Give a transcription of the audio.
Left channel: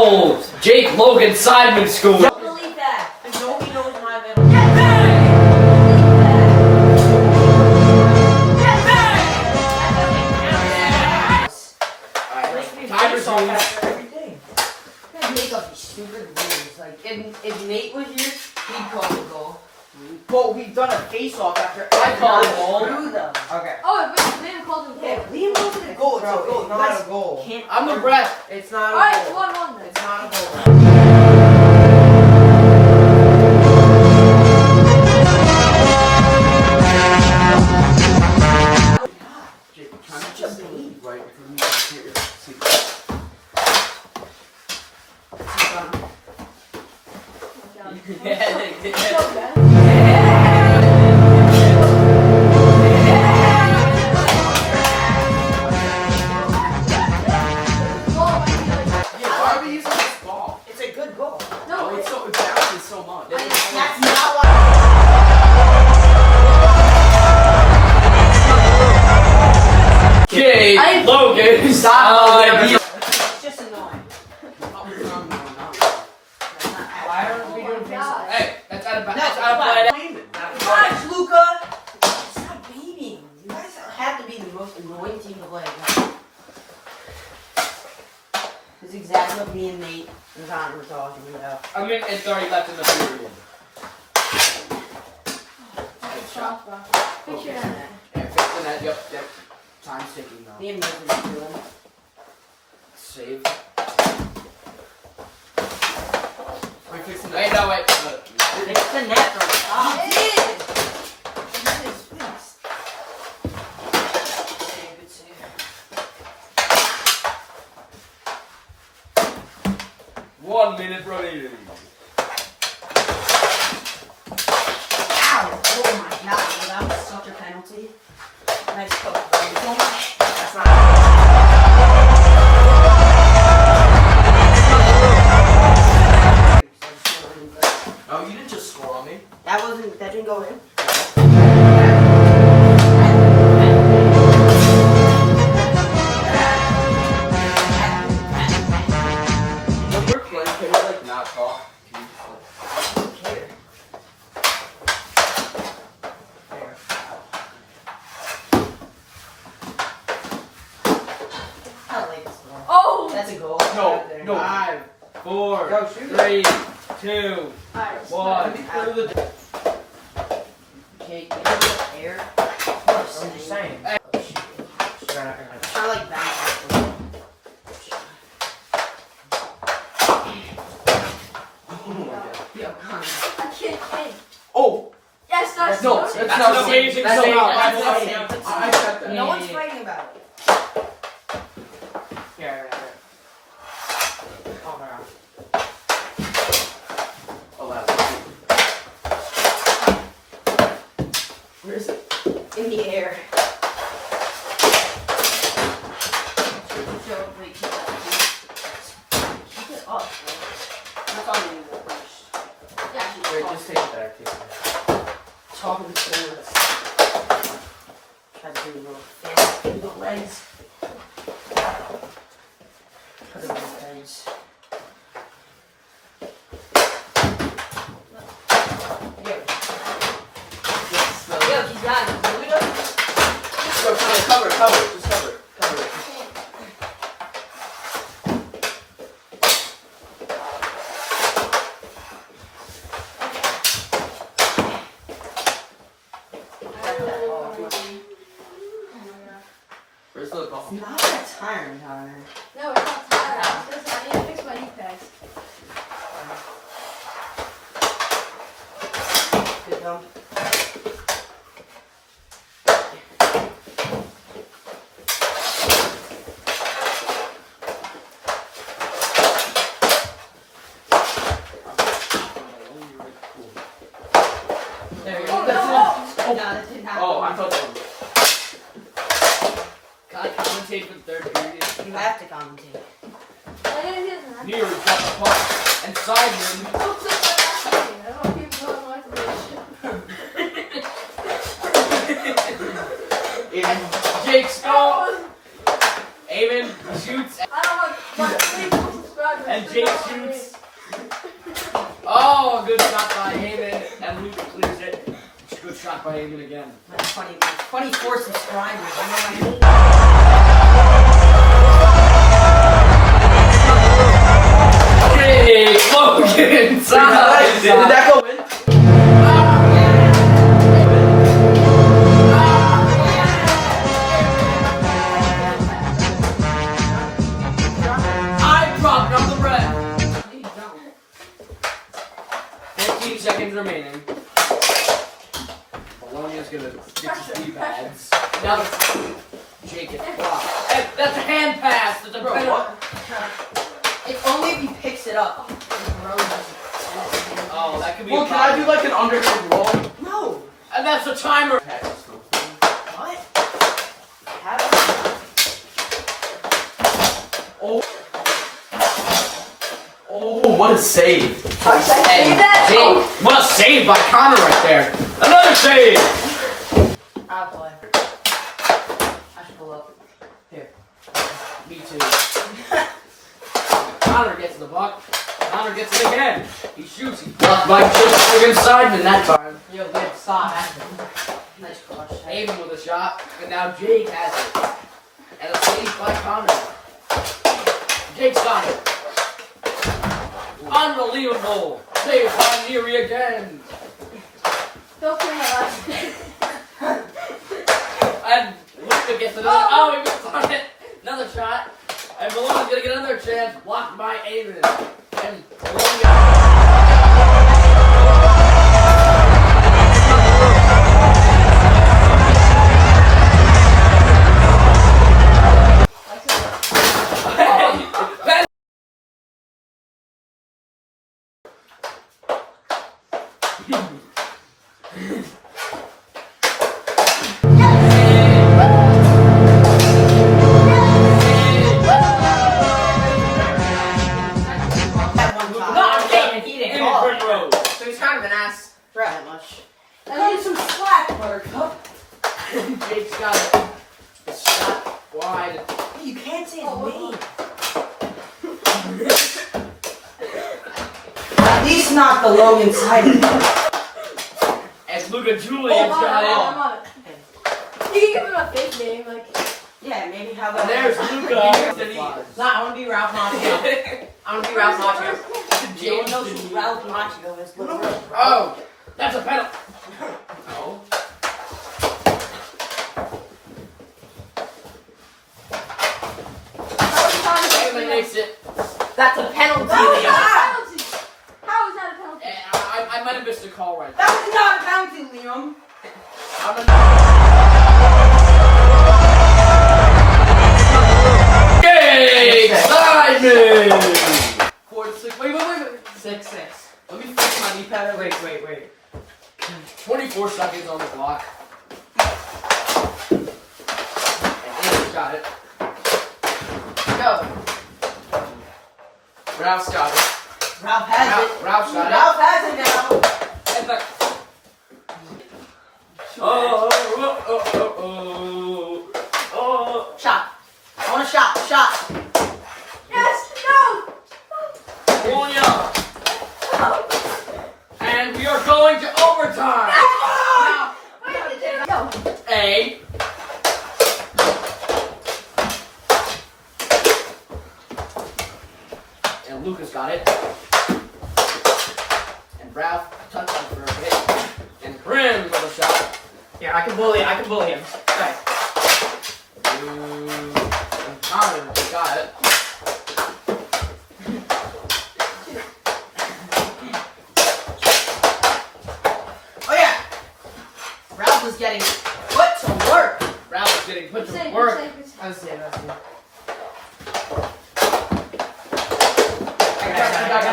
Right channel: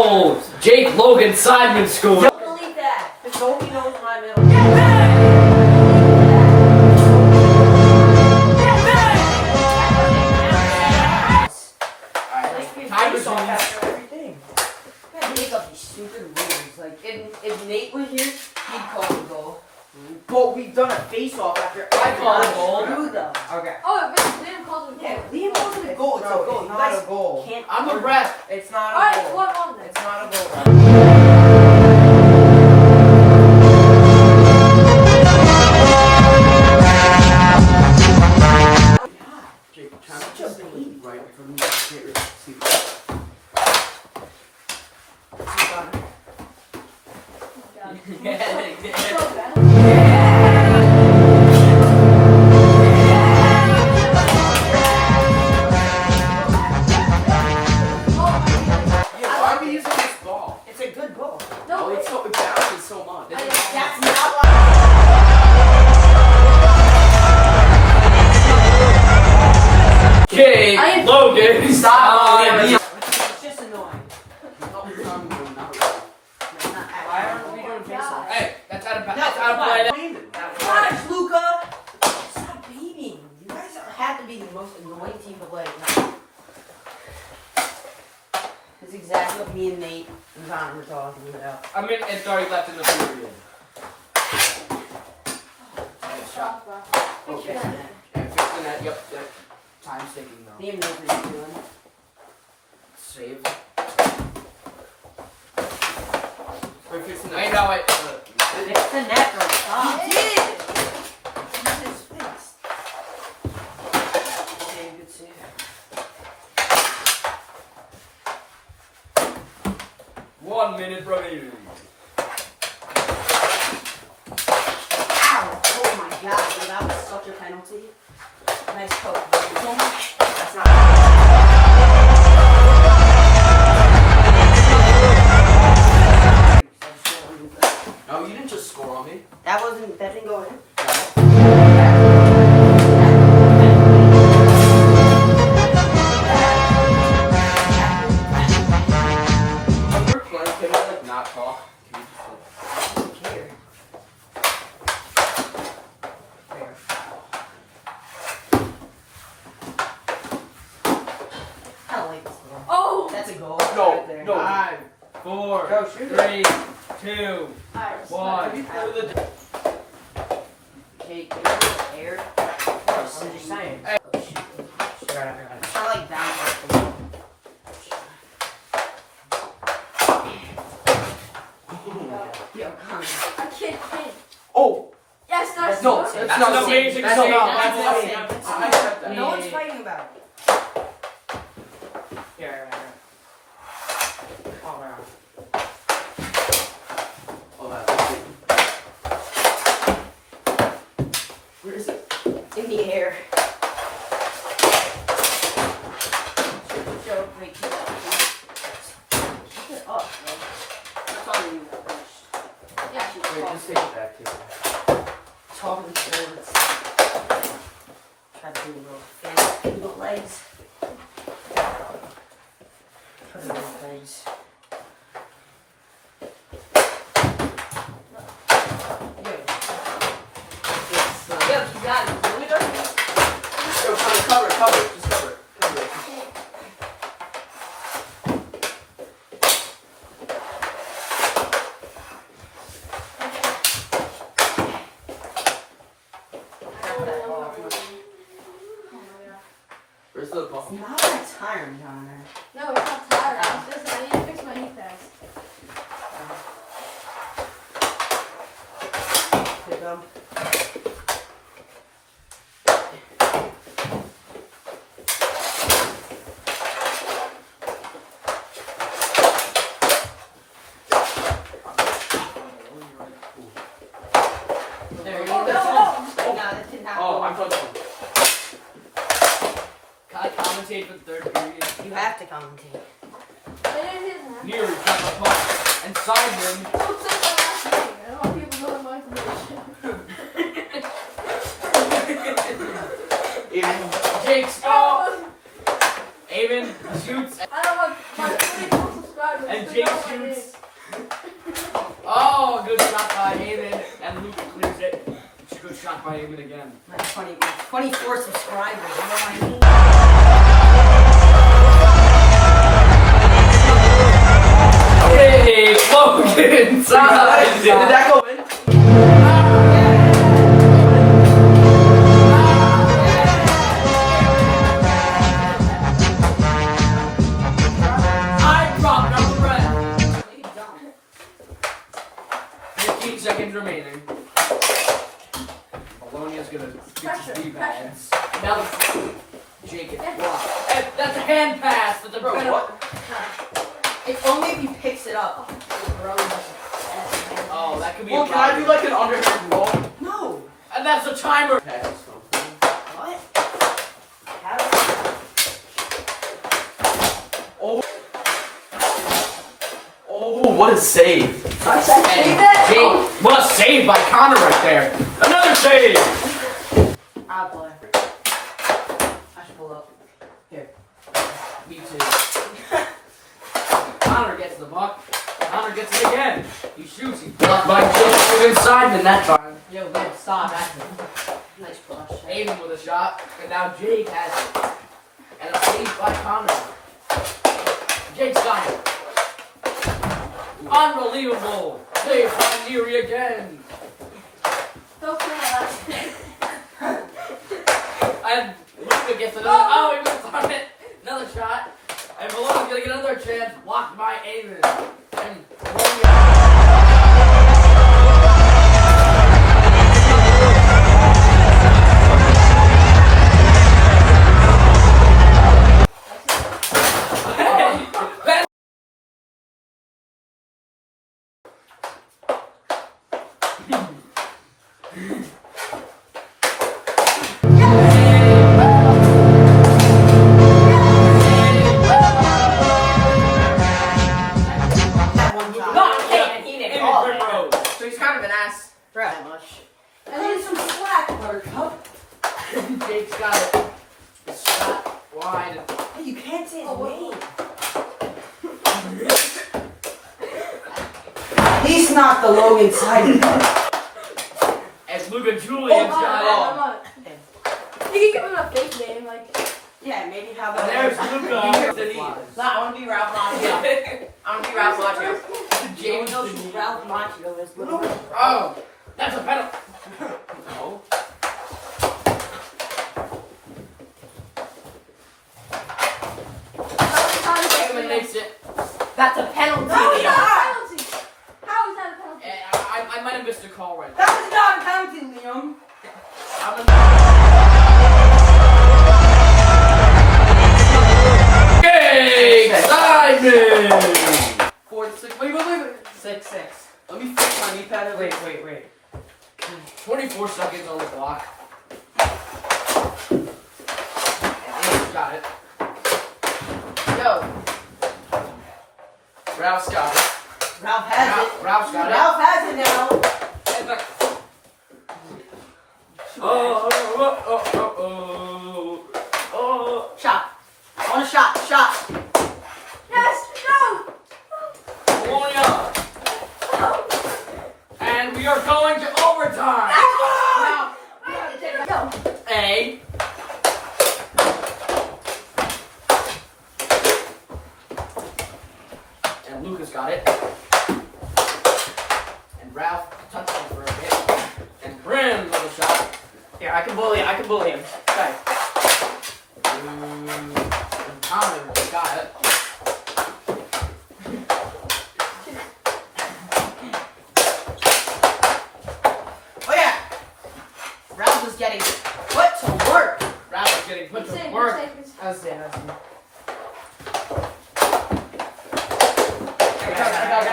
Oh, Jake Logan Sideman scored. I don't believe that. Because nobody knows my middle. Tiger's rules. Everything. Make up these stupid rules. Like, if Nate was here, he'd call the goal. But we've done a face-off after I call the goal. Okay. Oh, but Liam called it Yeah, a goal. Liam wasn't a goal. It's a goal. It's not a goal. Can't. I'm the ref. It's not a Alright, it's goal. 1-1 then. It's not a goal. Right? Such a baby. Right from the seat. Yeah, why are we using this ball? It's a good goal. No, It bounces so much. That's not Okay, Logan. Stop. Sideman. It's just annoying. Hey, that's out of No, that's out of play. Gosh, Luca! Stop beating. You guys have to be the most annoying team to play. That's exactly what me and Nate and John were talking about. I mean, it's already left in the period. good shot, bro. Good Okay. shot. And fixing that. Yep. Time's ticking now. Liam knows what he's doing. Save. We're fixing Wait, no, wait. It's the net from top. He did! It's fixed. Save, good save. One minute remaining. Ow! Oh my god, dude, that was such a penalty. Nice coach. That's not. No, you didn't just score on me. That didn't go in. We're playing. Can you like not talk? Can you just, like, I don't like this one. Oh! That's a goal. No, Right there. no. 5, 4, Go, shoot 3, 2, Alright, 1. Jake, air. I'm just saying. Right. Try to like bounce off the Yo, come on. I can't. Oh! Yes, that's No, that's that's That's not an amazing That's save. not- That's that's an not- amazing I said that. No one's fighting about it. Yeah. Oh, no. Oh, that's Where is it? In the air. Joe, wait, keep it up, bro. That's all we need to push. Yeah, Wait, just take it back. Take it back. Talking to try to do a little face, do the legs. Put them in things. Yo, he's not doing it. Go, cover it. Just cover it. Cover it. Where's the ball? It's not that tiring, Connor. No, it's not tired. It doesn't. I need to fix my knee pads. Good one. There you go. Oh, No, no. that didn't happen. Oh, I thought so. Can I commentate for the third period? You have to commentate. I didn't hear that. Near got the puck and Sideman. Don't say that last name. I don't want people knowing my information. Jake's go. Eamon shoots. I don't want my subscribers. And Jake shoots. Oh, good shot by Eamon. And Luke clears it. Good shot by Eamon again. That's funny. 24 subscribers. You know what Hey, Logan! Did that go in? I dropped on the red. 15 seconds remaining. Bologna's gonna get his rebounds. Now Jake gets blocked. Hey, that's a hand pass. That's a Bro, penalty. what? It's only if he picks it up. Oh, that could be Well, a can I do like an underhand roll? No. And that's a timer. What? Oh, what a save. Hey, Jake, what a save by Connor right there. Another save. I'll play. I should pull up. Here. Me too. Connor gets the buck. Connor gets it again. He shoots. He blocked by Jake Sideman that time. Yo, good. Stop. Nice cross. Aiden with a shot. And now Jake has it. And a save by Connor. Jake's got it. Unbelievable. Save by Neary again. Don't kill my last name. And Luca gets another. Oh, he missed on it. Another shot. And Bologna's gonna get another chance. Blocked by Aiden. And So he's kind of an ass. Pretty much. I need some slack, Buttercup. Jake's got it. A shot wide. Hey, you can't say his name. At least not the long inside. And Luca Julian's got it. You can give him a fake name, like. Yeah, maybe how And about there's Luca. Nah, I want to be Ralph Macchio. I want to be Ralph Macchio. No one knows who Ralph Macchio is. But Oh, that's a penalty. No. Aiden makes it. that's a penalty. How is Leo. that a penalty? How is that a penalty? I might have missed a call right there. That was not a penalty, Liam. Hey, Simon! 4-6. Wait. 6-6. Let me fix my knee pad. Wait. 24 seconds on the clock. And Aiden's got it. Go. Ralph's got it. Ralph has it. Ralph's got it. Ralph has it now. And back. Oh. Shot. I want a shot. Shot. Yes! No! Bologna. And we are going to overtime. Go! A. And Lucas got it. And Ralph touched on for a bit. And Bryn with a shot. Here, I can bully him. Okay. And Connor got it. Oh yeah. Ralph is getting put to work. Ralph is getting put to Safe, work. safe. That's it. I got